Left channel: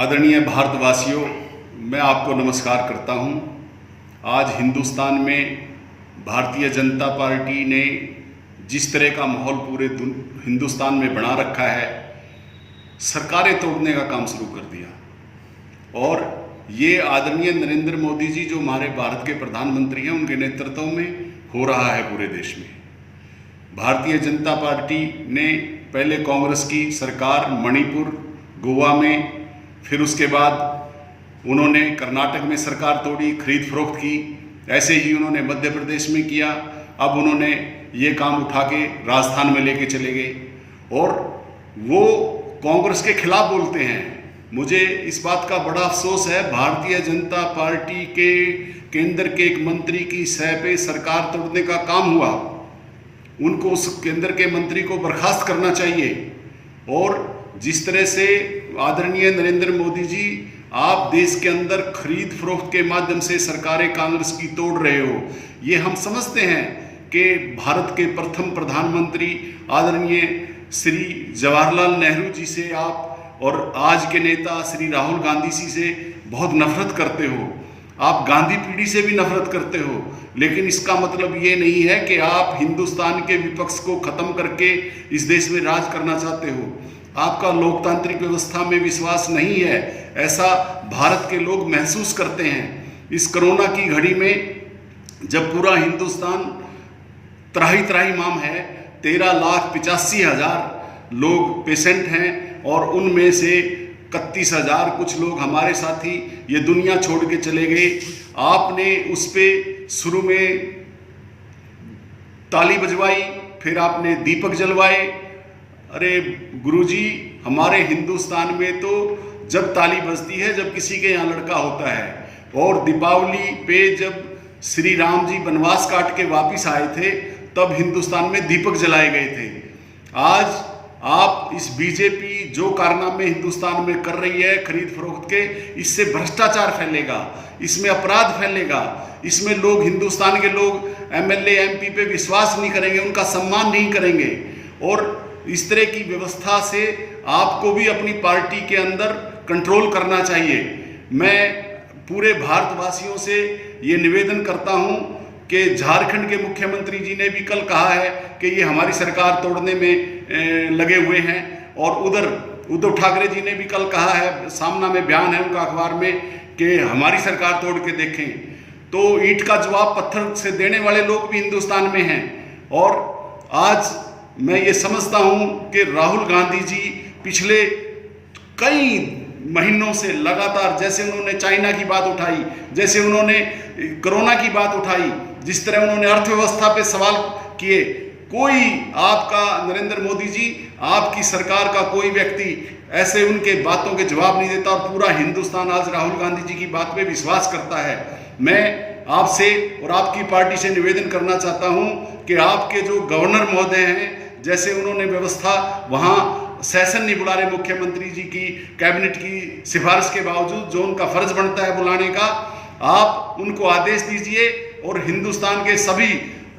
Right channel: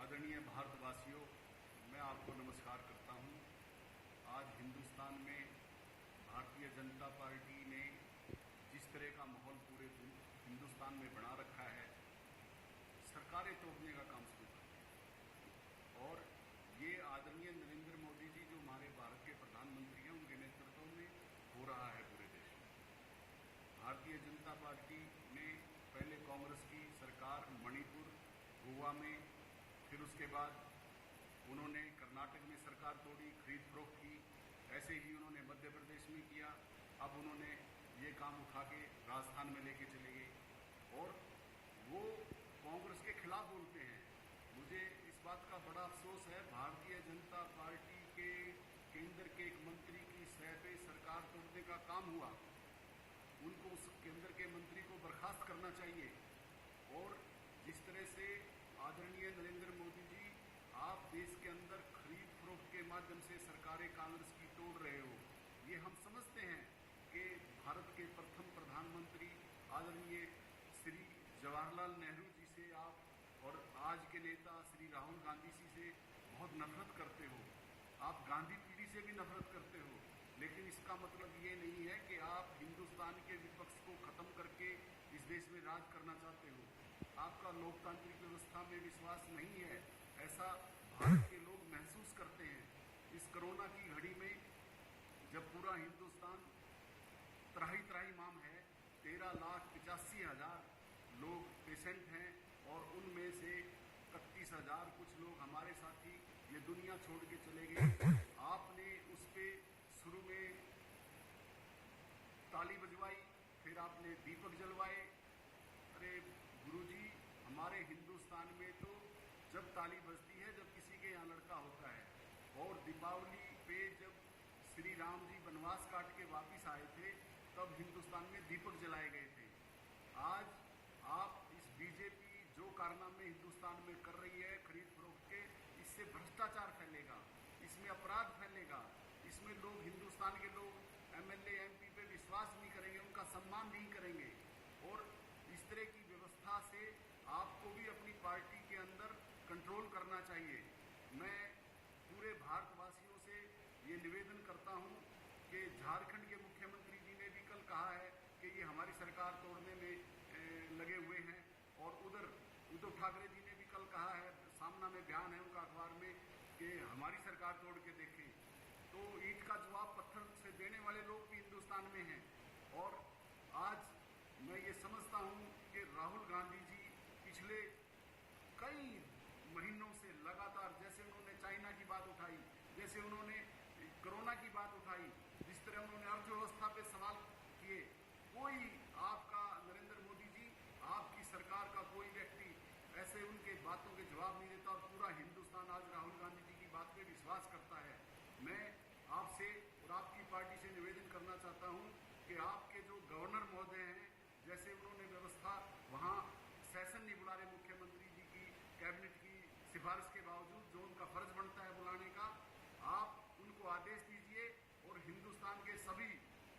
आदरणीय भारतवासियों, मैं आपको नमस्कार करता हूं। आज हिंदुस्तान में भारतीय जनता पार्टी ने जिस तरह का माहौल पूरे हिंदुस्तान में बना रखा है, सरकारें तोड़ने का काम शुरू कर दिया। और ये आदरणीय नरेंद्र मोदी जी जो हमारे भारत के प्रधानमंत्री हैं, उनके नेतृत्व में हो रहा है पूरे देश में। भारतीय जनता पार्टी ने पहले कांग्रेस की सरकार मणिपुर, गोवा में, फिर उसके बाद उन्होंने कर्नाटक में सरकार तोड़ी, खरीद फरोख्त की। ऐसे ही उन्होंने मध्य प्रदेश में किया। अब उन्होंने ये काम उठा के राजस्थान में लेके चले गए और वो कांग्रेस के खिलाफ बोलते हैं। मुझे इस बात का बड़ा अफसोस है, भारतीय जनता पार्टी के केंद्र के एक मंत्री की सह पे सरकार तोड़ने का काम हुआ। उनको, उस केंद्र के मंत्री को बर्खास्त करना चाहिए। और जिस तरह से आदरणीय नरेंद्र मोदी जी आप देश के अंदर खरीद फरोख्त के माध्यम से सरकारें कांग्रेस की तोड़ रहे हो, ये हम समझते हैं कि भारत के प्रथम प्रधानमंत्री आदरणीय श्री जवाहरलाल नेहरू जी से आप और आज के नेता श्री राहुल गांधी जी से बहुत नफरत करते हो। आप गांधी पीढ़ी से भी नफरत करते हो, लेकिन इसका मतलब ये नहीं है कि आप हिंदुस्तान के विपक्ष को खत्म करके इस देश में राज करना चाहते हो। आपका लोकतांत्रिक व्यवस्था में विश्वास नहीं है, ऐसा भारत के लोग महसूस करते हैं। इस कोरोना की घड़ी में जब पूरा हिंदुस्तान त्राही त्राही माम है, 13,85,000 लोग पेशेंट हैं और उनमें से 31,000 कुछ लोग हमारे साथी ये दुनिया छोड़ के चले गए। आपने उस पे शुरू में ताली बजवाई, फिर आपने दीपक जलवाए। अरे गुरुजी, हमारे हिंदुस्तान में तो जब ताली बजती है जब किसी के यहाँ लड़का होता है। और दीपावली पे जब श्री राम जी वनवास काट के वापिस आए थे तब हिंदुस्तान में दीपक जलाए गए थे। आज आप इस बीजेपी जो कारनामे हिंदुस्तान में कर रही है खरीद फरोख्त के, इससे भ्रष्टाचार फैलेगा, इसमें अपराध फैलेगा, इसमें लोग, हिंदुस्तान के लोग एमएलए एमपी पे विश्वास नहीं करेंगे, उनका सम्मान नहीं करेंगे। और इस तरह की व्यवस्था से आपको भी अपनी पार्टी के अंदर कंट्रोल करना चाहिए। मैं पूरे भारतवासियों से ये निवेदन करता हूँ कि झारखंड के मुख्यमंत्री जी ने भी कल कहा है कि ये हमारी सरकार तोड़ने में लगे हुए हैं। और उधर उद्धव ठाकरे जी ने भी कल कहा है, सामना में बयान है उनका अखबार में, कि हमारी सरकार तोड़ के देखें। तो ईंट का जवाब पत्थर से देने वाले लोग भी हिंदुस्तान में हैं। और आज मैं ये समझता हूँ कि राहुल गांधी जी पिछले कई महीनों से लगातार, जैसे उन्होंने चाइना की बात उठाई, जैसे उन्होंने कोरोना की बात उठाई, जिस तरह उन्होंने अर्थव्यवस्था पे सवाल किए, कोई आपका नरेंद्र मोदी जी, आपकी सरकार का कोई व्यक्ति ऐसे उनके बातों के जवाब नहीं देता। और पूरा हिंदुस्तान आज राहुल गांधी जी की बात पे विश्वास करता है। मैं आपसे और आपकी पार्टी से निवेदन करना चाहता हूं कि आपके जो गवर्नर महोदय हैं, जैसे उन्होंने व्यवस्था वहाँ सेशन नहीं बुला रहे मुख्यमंत्री जी की कैबिनेट की सिफारिश के बावजूद, जो उनका फर्ज बनता है बुलाने का, आप उनको आदेश दीजिए। और हिंदुस्तान के सभी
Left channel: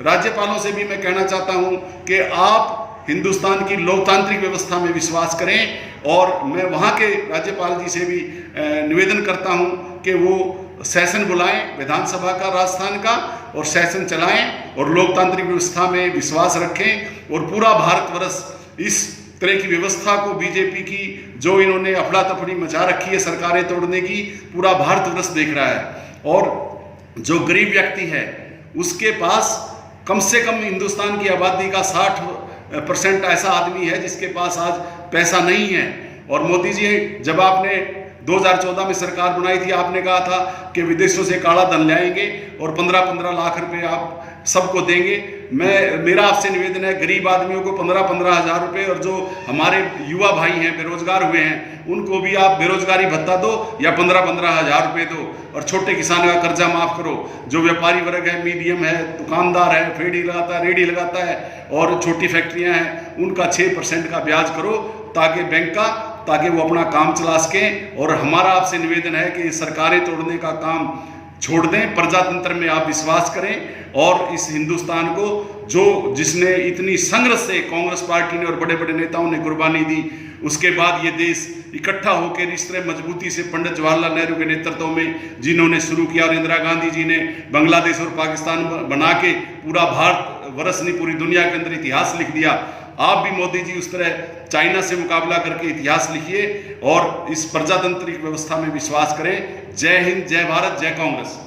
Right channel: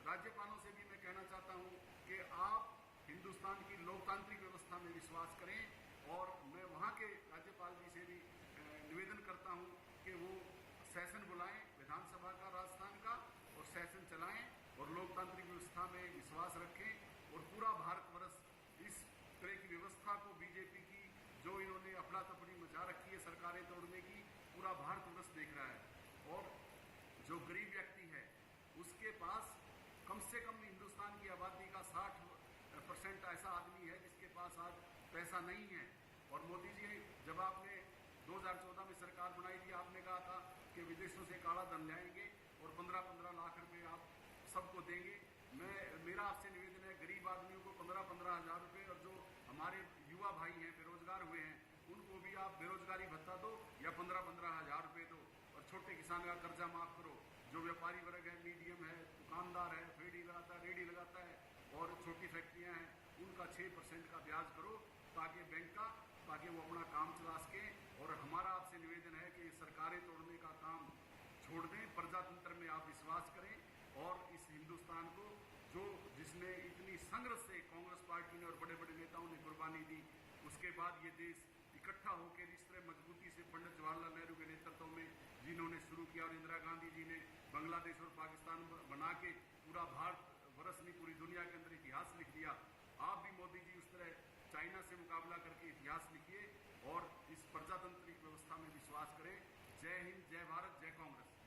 राज्यपालों से भी मैं कहना चाहता हूं कि आप हिंदुस्तान की लोकतांत्रिक व्यवस्था में विश्वास करें। और मैं वहाँ के राज्यपाल जी से भी निवेदन करता हूं कि वो सेशन बुलाएं विधानसभा का, राजस्थान का, और सेशन चलाएं और लोकतांत्रिक व्यवस्था में विश्वास रखें। और पूरा भारतवर्ष इस तरह की व्यवस्था को, बीजेपी की जो इन्होंने अफड़ा तफड़ी मचा रखी है सरकारें तोड़ने की, पूरा भारतवर्ष देख रहा है। और जो गरीब व्यक्ति है उसके पास कम से कम हिंदुस्तान की आबादी का 60% ऐसा आदमी है जिसके पास आज पैसा नहीं है। और मोदी जी, जब आपने 2014 में सरकार बनाई थी, आपने कहा था कि विदेशों से काला धन लाएंगे और 15-15 लाख रुपए आप सबको देंगे। मेरा आपसे निवेदन है, गरीब आदमियों को 15-15 हज़ार रुपये, और जो हमारे युवा भाई हैं बेरोजगार हुए हैं उनको भी आप बेरोजगारी भत्ता दो या 15-15 हज़ार रुपये दो। और छोटे किसानों का कर्जा माफ़ करो। जो व्यापारी वर्ग है, मीडियम है, दुकानदार है, फेड़ी लगाता है, रेडी लगाता है, और छोटी फैक्ट्रियाँ हैं, उनका 6% का ब्याज करो ताकि बैंक का, ताकि वो अपना काम चला सकें। और हमारा आपसे निवेदन है कि सरकारें तोड़ने का काम छोड़ दें, प्रजातंत्र में आप विश्वास करें। और इस हिंदुस्तान को जिसने इतनी संघर्ष से कांग्रेस पार्टी ने और बड़े बड़े नेताओं ने कुर्बानी दी, उसके बाद ये देश इकट्ठा होकर इस तरह मजबूती से पंडित जवाहरलाल नेहरू के नेतृत्व में जिन्होंने शुरू किया और इंदिरा गांधी जी ने बांग्लादेश और पाकिस्तान बना के पूरा भारत वर्ष नहीं पूरी दुनिया के अंदर इतिहास लिख दिया। आप भी मोदी जी उस तरह चाइना से मुकाबला करके इतिहास लिखिए और इस प्रजातांत्रिक व्यवस्था में विश्वास करें। जय हिंद, जय भारत, जय कांग्रेस।